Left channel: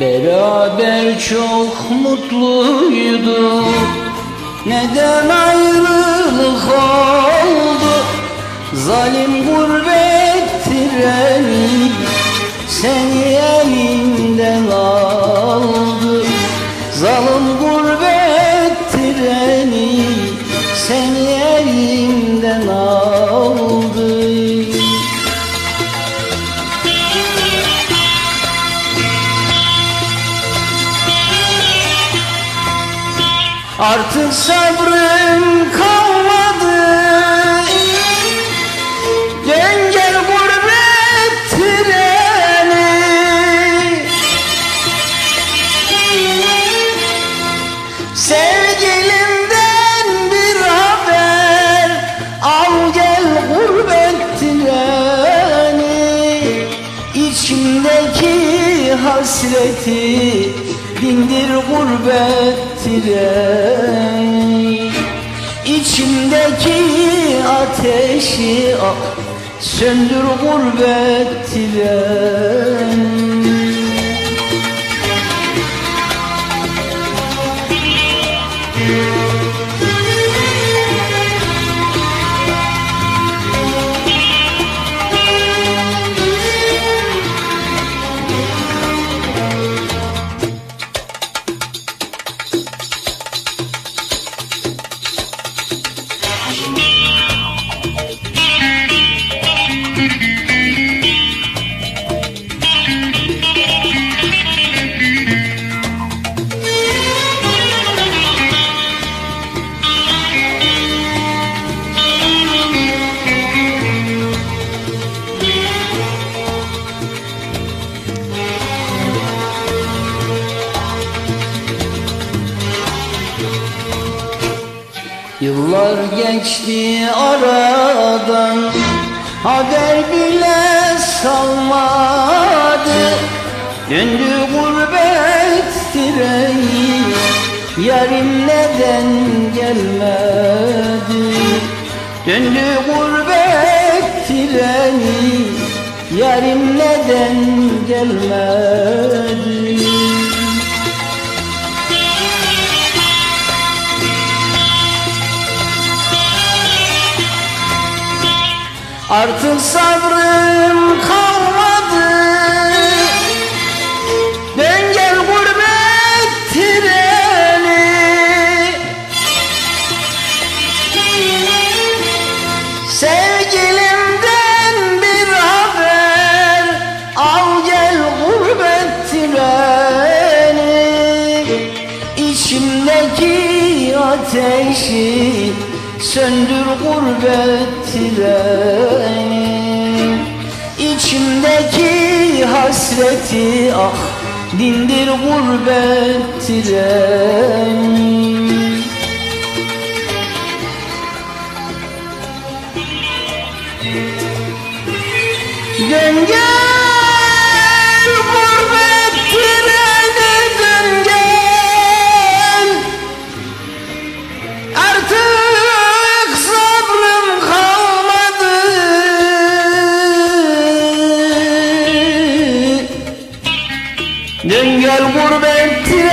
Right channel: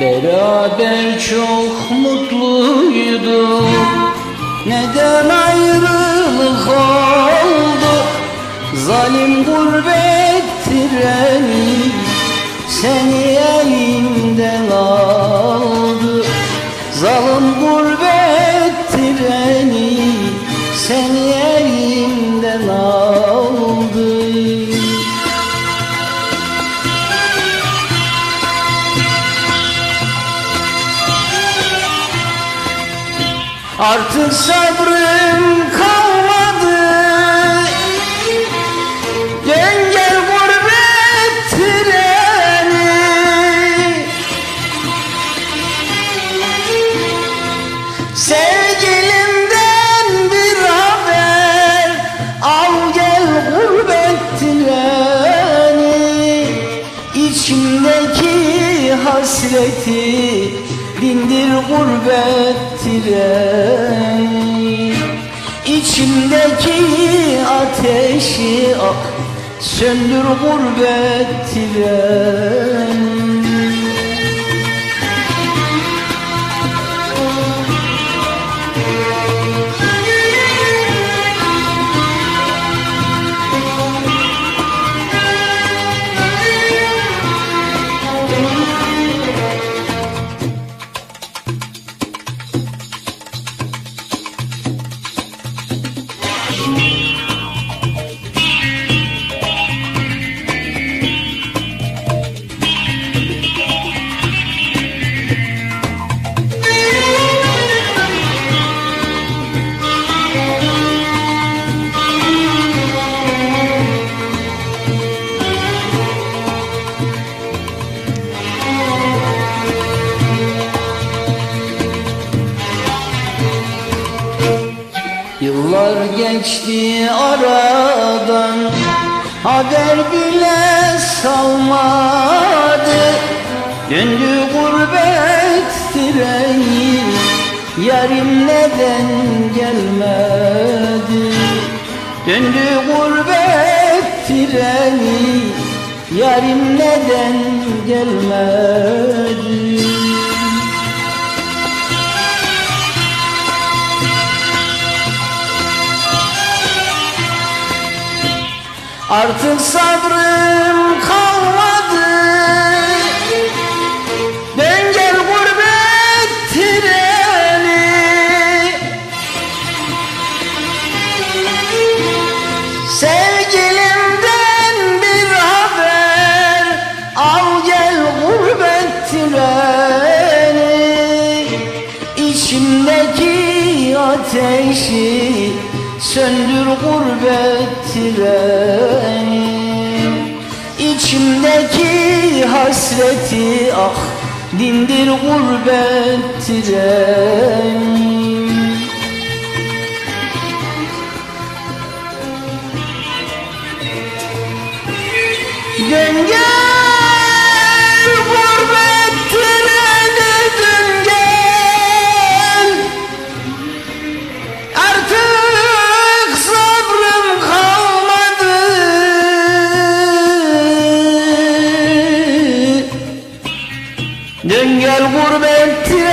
Beraber çok mutluyduk. Neden ayrılık oldu? Zalim gurbet treni Seni elimden aldı. Zalim gurbet treni Seni elimden aldı Artık sabrım kalmadı. Dön gel gurbet treni. Sevgilimden bir haber. Al gel gurbet treni. İçimdeki hasreti Dindir gurbet treni İçimdeki ateşi ah, Söndür gurbet treni Yıllar geçti aradan Haber bile salmadı. Döndü gurbet treni Yarim neden gelmedi? Döndü gurbet treni Yarim neden gelmedi Artık sabrım kalmadı. Dön gel gurbet treni. Sevgilimden bir haber Al gel gurbet treni. İçimdeki ateşi Söndür gurbet treni İçimdeki hasreti ah Dindir gurbet treni Döngü செயல் முழுவேன் திரு